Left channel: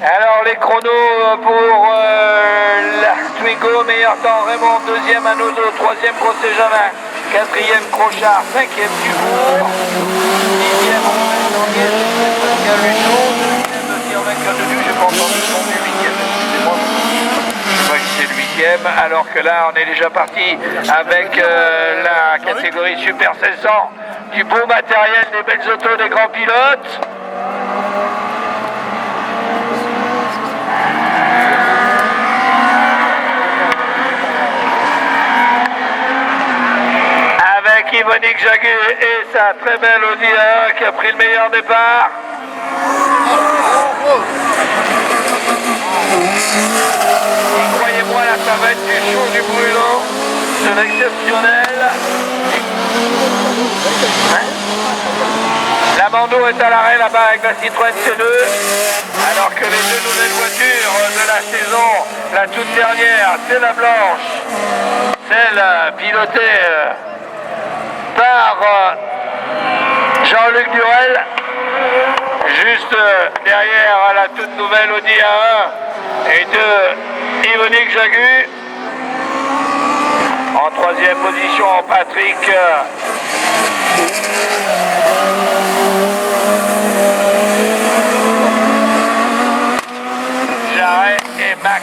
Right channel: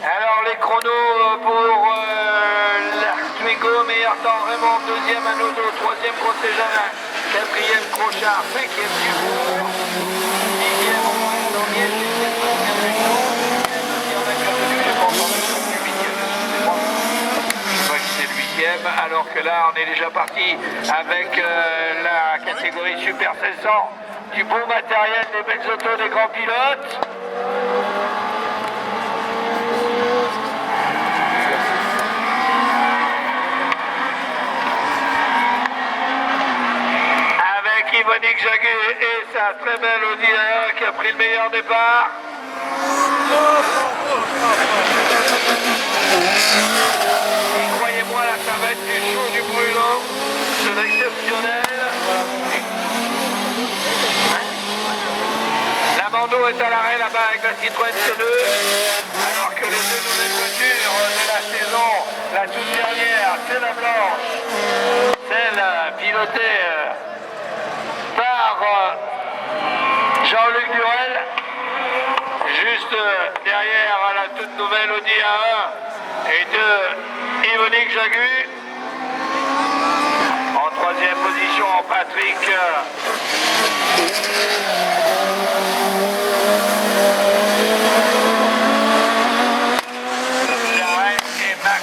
Alors les chronos pour l'Artwigo, meilleur temps Raymond, deuxième Anodo, troisième Grosse Jamin, quatrième Crochard, cinquième Dubourg, sixième alors que là on est déjà parti avec la catégorie Super 1600, du beau matériel, des belles autos, des grands pilotes. Avec Yvonique Jaguet et sa très belle Audi A1 qui a pris le meilleur départ. Croyez-moi, là, ça va être du chaud, du brûlant, c'est exceptionnel. La Mando est à l'arrêt là-bas avec la Citroën C2, alors que les deux nouvelles voitures de la saison, la toute dernière, c'est la blanche, celle pilotée par Jean-Luc Durel, juste derrière la toute nouvelle Audi A1 et de Yvonique Jaguet. En troisième position, Patrick Jarret et Max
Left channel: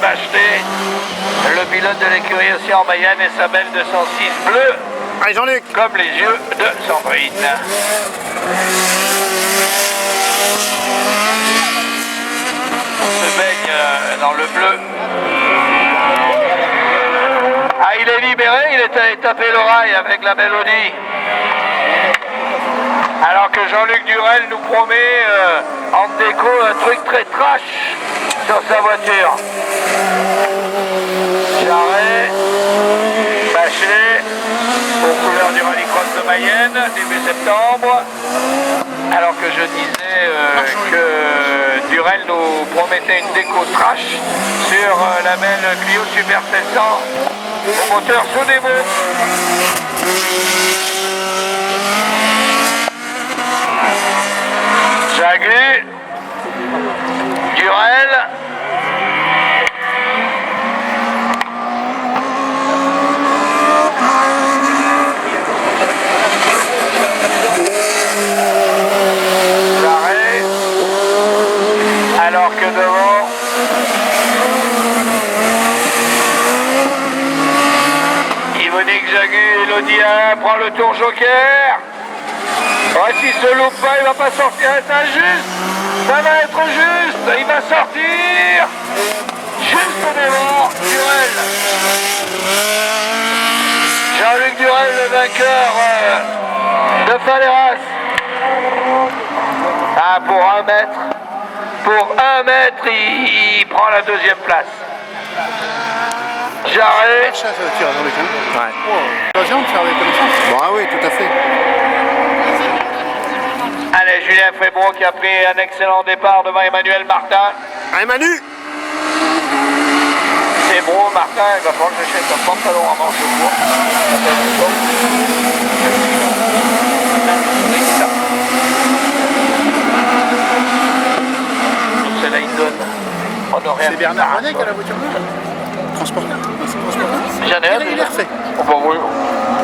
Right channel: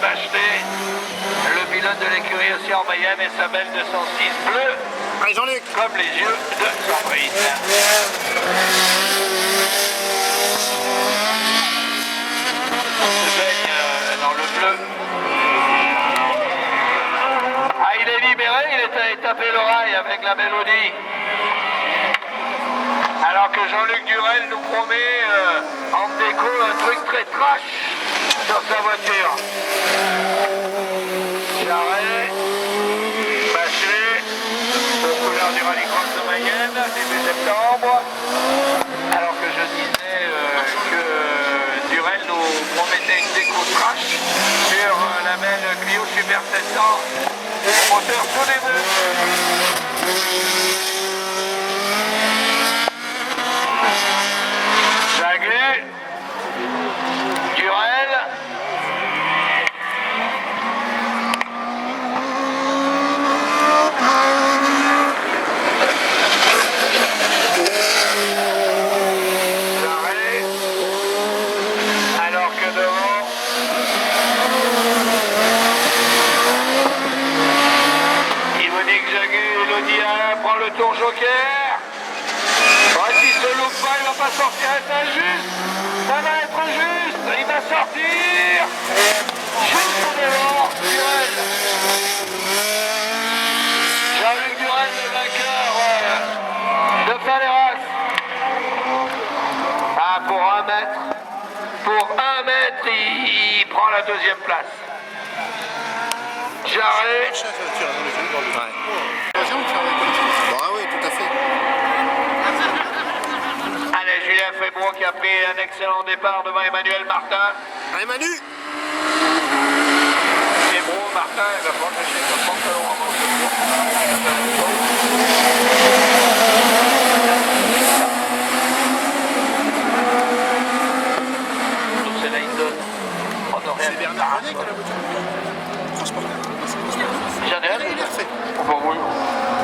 Bachelet, le pilote de l'écurie Océan Mayenne et sa belle 206 bleue. Allez Jean-Luc, comme les yeux de Sandrine. On se baigne dans le bleu. Ah, il est libéré, il est allé taper l'oreille avec la mélodie. Alors que Jean-Luc Durel nous promet en déco un truc très trash dans sa voiture. Jarret, Bachelet, aux couleurs du rallycross de Mayenne, début septembre. Alors que je disais que Durel nous promettait une déco trash sur la belle Clio Super 700 au moteur Sodebo. Jaguet, Durel, Jarret, alors que devant Yvonique Jaguet, l'Audi A1 prend le tour joker. Ouais, s'il se loupe pas, il va pas sortir, c'est injuste. Ça va être juste, il va sortir. Juste devant, Durel. Jean-Luc Durel, le vainqueur de Faleras. Ah, pour 1 mètre. Pour 1 mètre, il prend la deuxième place. Jarret. ouais. Bah oui, tout à fait. Allez, Julien Fébron qui a pris un excellent départ devant Emmanuel Martin. Allez Manu. Fébron, Martin, il va falloir que j'essaie de pantalon avant ce C'est Bernard René qui a la voiture. Transport. J'en ai un déjà. On va voir.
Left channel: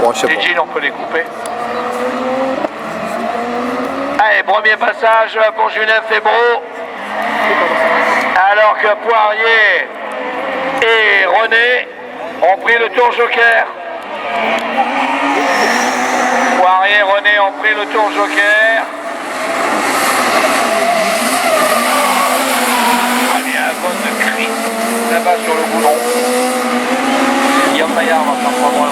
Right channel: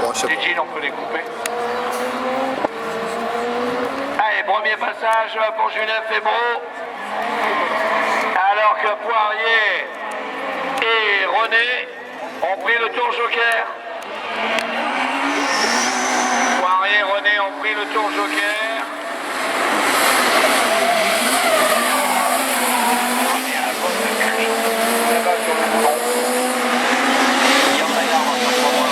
Bon, je sais Les pas. jeans, on peut les couper. Allez, premier passage pour Julien Fébron. Alors que Poirier et René ont pris le tour joker. Poirier et René ont pris le tour joker. Il y a un bon cri là-bas sur le boulon. Guillaume Maillard va faire pas loin.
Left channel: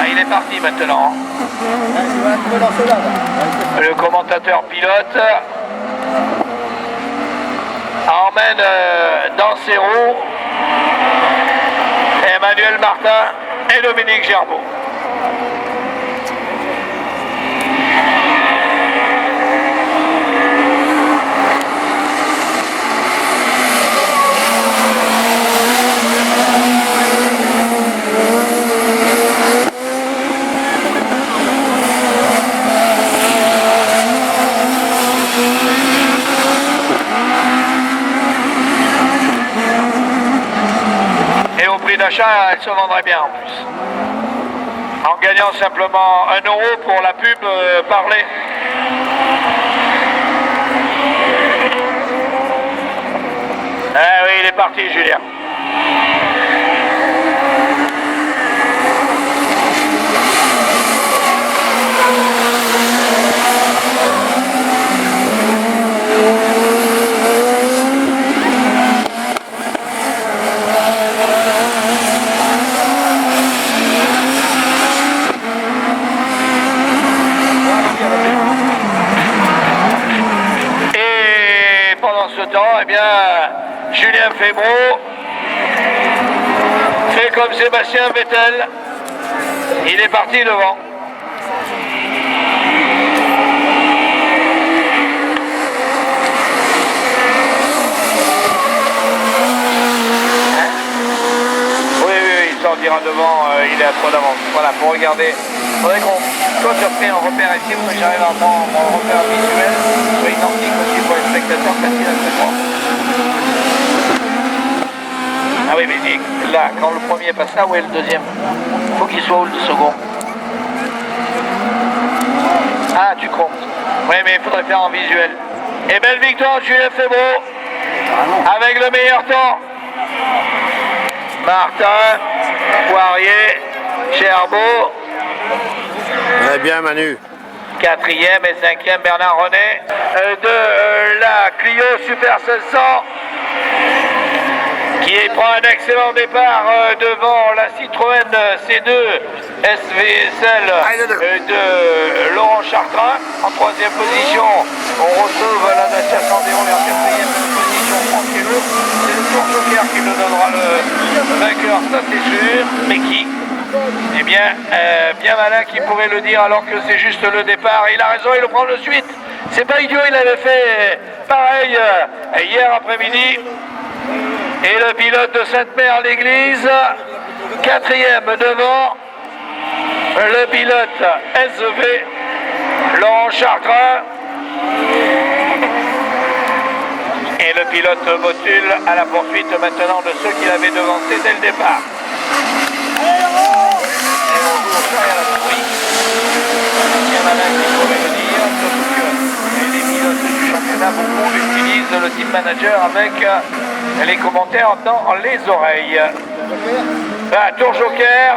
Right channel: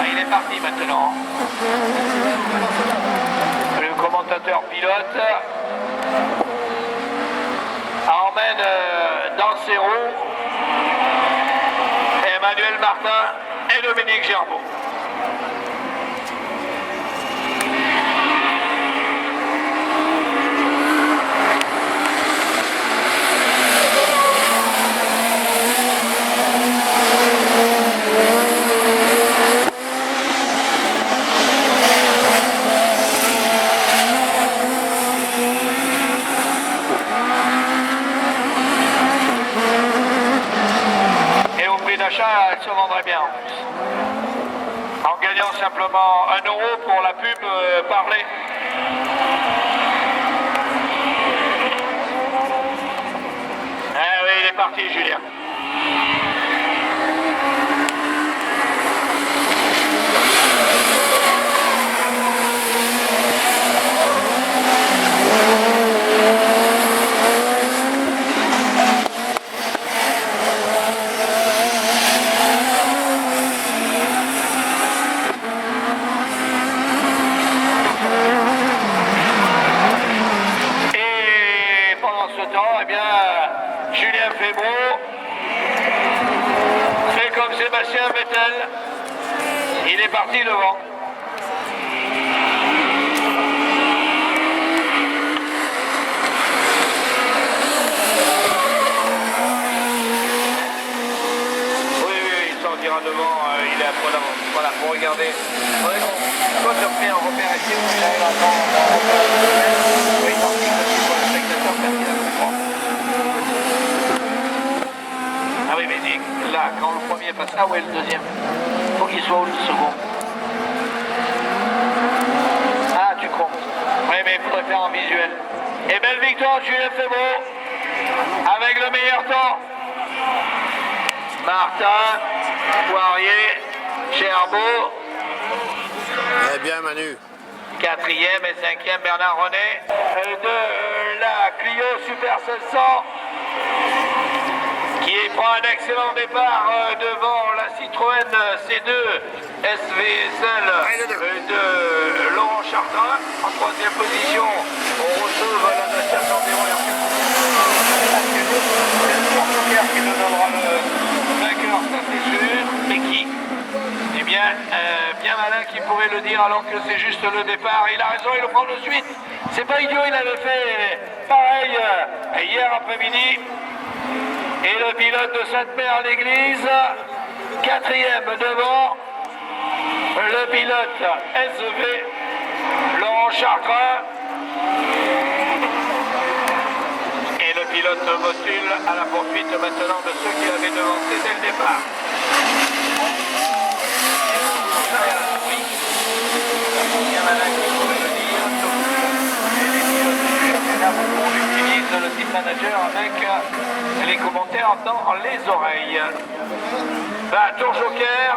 Ah, il est parti maintenant. Le commentateur pilote emmène dans ses roues Emmanuel Martin et Dominique Gerbeau. d'achat, elle se vendrait bien en plus. En gagnant simplement 1 euro pour la pub parlée. Ah oui, il est parti, Julien. Eh bien, Julien Febro fait comme Sébastien Vettel, il est parti devant. Oui, il sortira devant, il est à 3 d'avance. Voilà, pour regarder. Faudrait qu'on soit fait un repère ici, où j'arrive à prendre mon repère visuel. Oui, non, c'est pour le spectateur, parce qu'il a fait fort. Ah oui, mais là, quand le premier passe là, où est le deuxième? Il faut qu'il soit où le second? Ah, tu crois. Oui, mais il faudrait faire en visuel. Et belle victoire, Julien Febro, avec le meilleur temps. Martin, Poirier, Gerbeau. Eh bien, Manu. 4e et 5e, Bernard René. De la Clio Super 700. Qui prend un excellent départ devant la Citroën C2 SVSL de Laurent Chartrain. En 3e position, on retrouve la Dacia Sandero version 1er. C'est le Tour Joker qui nous donnera le vainqueur, ça c'est sûr. Mais qui? Eh bien, bien malin qui pourrait le dire alors que c'est juste le départ. Il a raison, il le prend de suite. C'est pas idiot, il avait fait pareil hier après-midi. Et le pilote de Sainte-Mère-l'Église, 4e devant, le pilote SV, Laurent Chartrain. Et le pilote de Motul à la poursuite maintenant de ceux qui l'avaient devancé dès le départ. On utilise le team manager avec les commentaires dans les oreilles. Là, tour joker.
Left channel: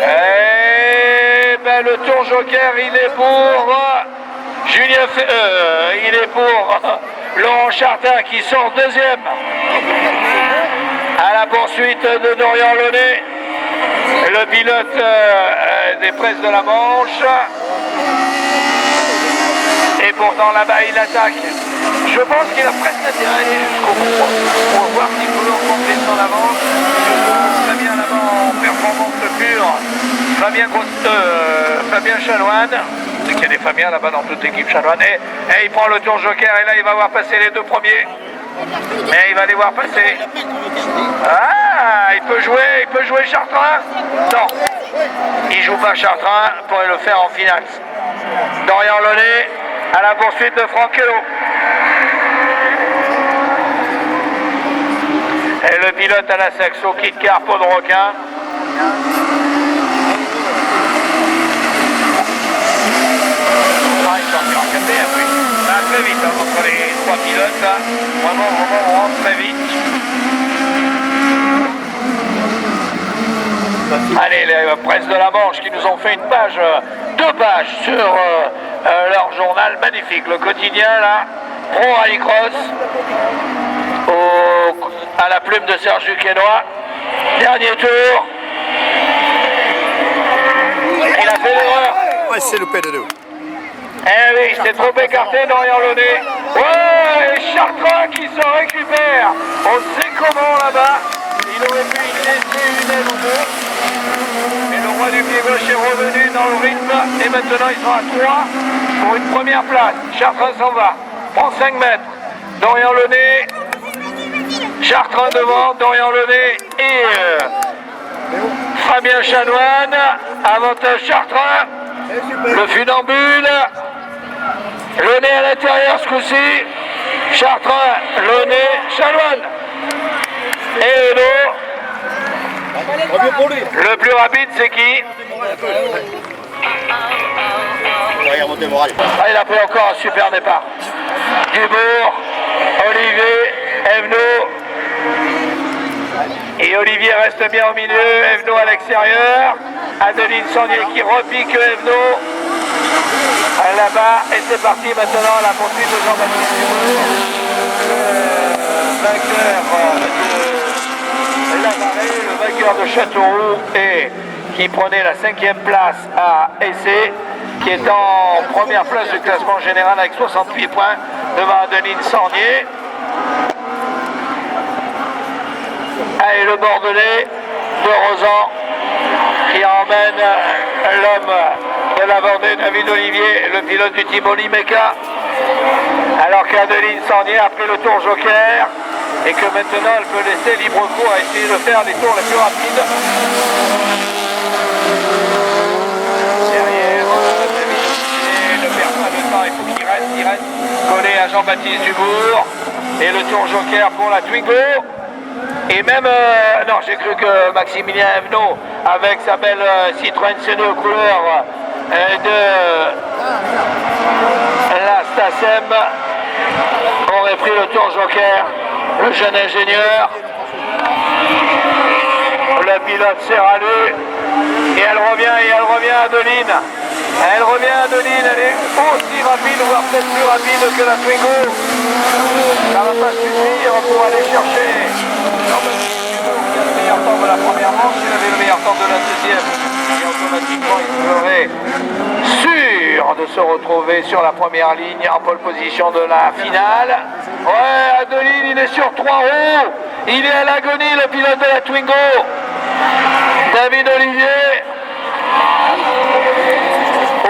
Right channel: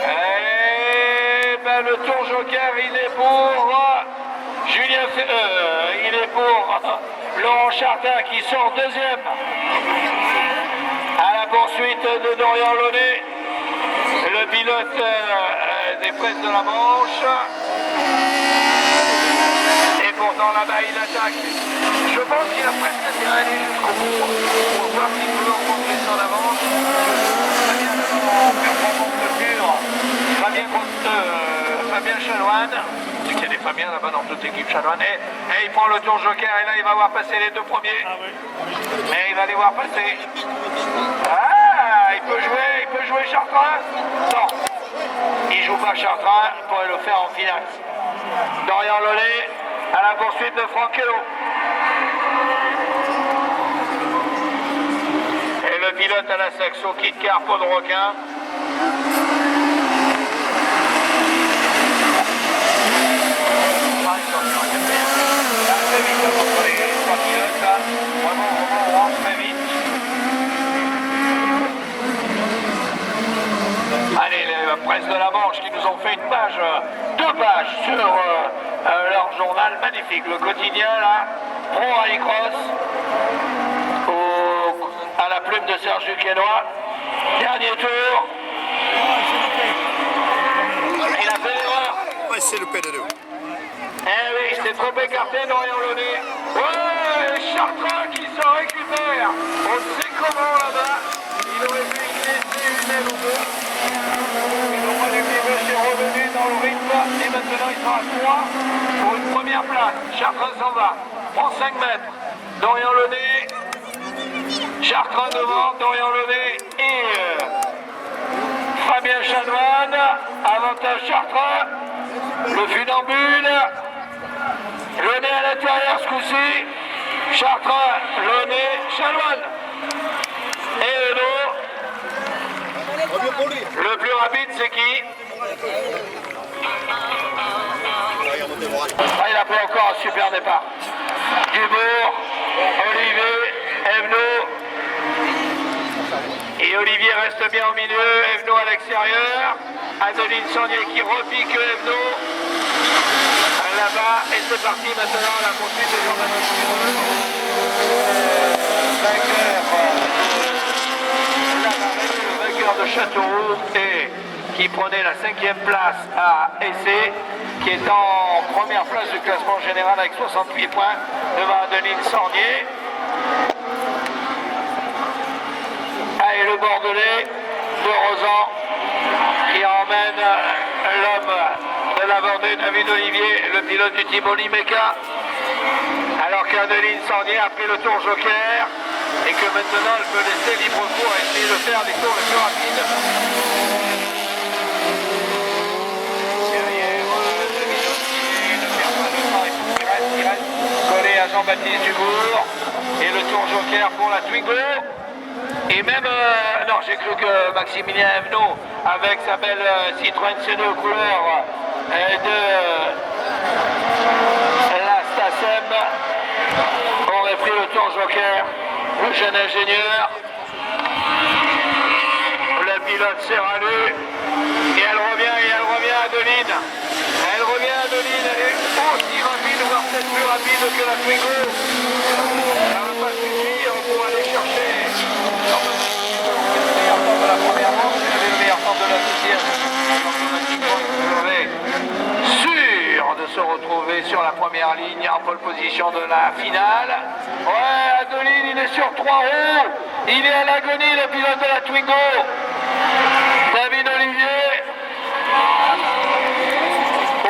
Et ben, le tour joker, il est pour Julien il est pour Laurent Chartrain qui sort 2e à la poursuite de Dorian Launay, le pilote des presses de la Manche. Et pourtant là-bas il attaque. Je pense qu'il a presque attiré jusqu'au bout pour voir s'il peut le remonter sur la Manche. Fabien là-bas en performance pure. Fabien Chanoine. C'est qu'il y a des Fabiens là-bas dans toute l'équipe Chanoine. Et il prend le tour joker et là il va voir passer les 2 premiers. Mais il va les voir passer. Ah, il peut jouer Chartrain. Non, il joue pas Chartrain, pourrait le faire en finale. Dorian Launay à la poursuite de Frankello. Et le pilote à la Saxo quitte Carpo de Requin. Très vite entre les 3 pilotes. Vraiment, on rentre très vite. Allez, les presses de la Manche qui nous ont fait 2 pages sur leur journal magnifique, le quotidien là, Pro Rallycross, à la plume de Serge Duquesnoy. Dernier tour. Il a fait l'erreur. Ouais, c'est loupé de nous. Eh oui, c'est trop écarté Dorian Launay. Ouais, Chartrain qui se récupère. On sait comment là-bas. Il aurait pu une aile ou deux. Mais le roi du pied gauche est revenu dans le rythme. Et maintenant ils sont à 3 pour une première place. Chartrain s'en va. Prend 5 mètres. Dorian Launay. Chartrain devant. Dorian Launay et Fabien Chanoine. Avantage Chartrain. Le funambule. Launay à l'intérieur ce coup-ci. Chartrain, Launay, Chanoine. Et Hello. Le plus rapide, c'est qui? Ah, il a pris encore un super départ. Dubourg, Olivier, Evenot. Et Olivier reste bien au milieu, Evenot à l'extérieur. Adeline Sandier qui repique Evenot. Là-bas, et c'est parti maintenant la poursuite de Jean-Baptiste Dubourg. Le vainqueur de Châteauroux et qui prenait la 5e place à Essé, qui est en première place du classement général avec 68 points devant Adeline Sornier. Et le Bordelais de Rosan qui emmène l'homme de la Vendée, David Olivier, le pilote du team Olimeca, alors qu'Adeline Sornier a pris le tour joker et que maintenant elle peut laisser libre cours à essayer de faire des tours les plus rapides. Derrière, David Olivier, le personnellement, il faut qu'il reste collé à Jean-Baptiste Dubourg. Et le tour joker pour la Twingo. Et même, non, j'ai cru que Maximilien Evenot, avec sa belle Citroën C2 couleur de la Stacem, aurait pris le tour joker. Le jeune ingénieur, le pilote s'est rallu, et elle revient Adeline. Elle revient Adeline, elle est aussi rapide, voire peut-être plus rapide que la Twingo. Ça ne va pas suffire pour aller chercher le meilleur temps de la première manche, il avait le meilleur temps de la deuxième. Et automatiquement, il serait sûr de se retrouver sur la première ligne en pole position de la finale. Ouais, Adeline, il est sur 3 roues. Il est à l'agonie, le pilote de la Twingo. David Olivier.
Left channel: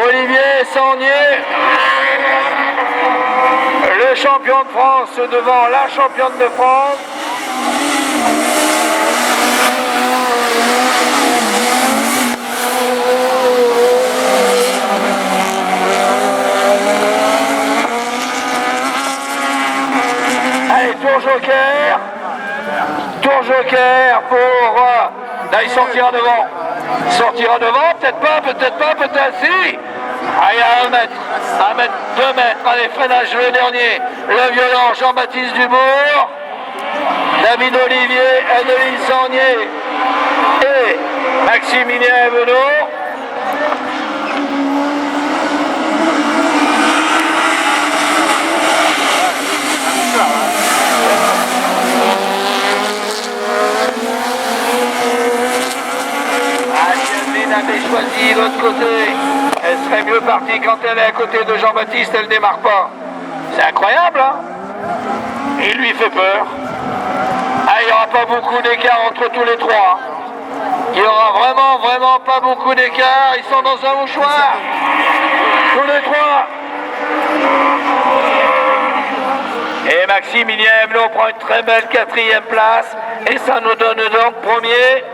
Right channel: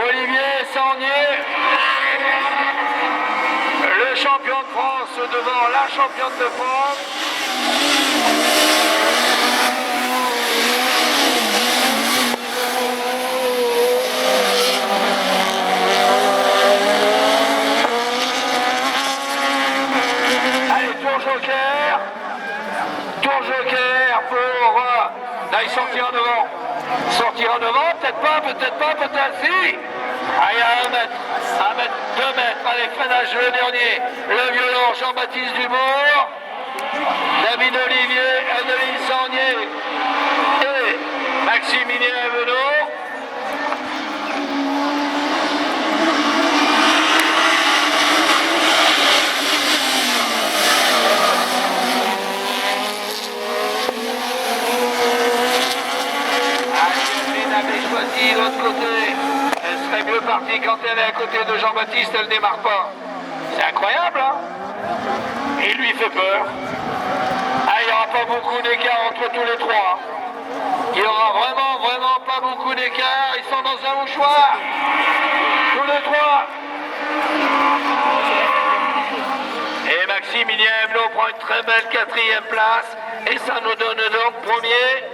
Olivier Sornier. Le champion de France devant la championne de France. Tour joker pour... là, il sortira devant. Sortira devant, peut-être pas, peut-être si. Allez, à 1 mètre, 2 mètres. Allez, freinage le dernier. Le violent Jean-Baptiste Dubourg. David Olivier, Adeline Sornier et Maximilien Evenot. Choisi l'autre côté, elle serait mieux partie quand elle est à côté de Jean-Baptiste, elle ne démarre pas. C'est incroyable, hein? Il lui fait peur. Ah, il n'y aura pas beaucoup d'écart entre tous les trois. Il n'y aura vraiment pas beaucoup d'écart. Ils sont dans un mouchoir. Tous les trois. Et Maximilien Evenot prend une très belle 4e place. Et ça nous donne donc premier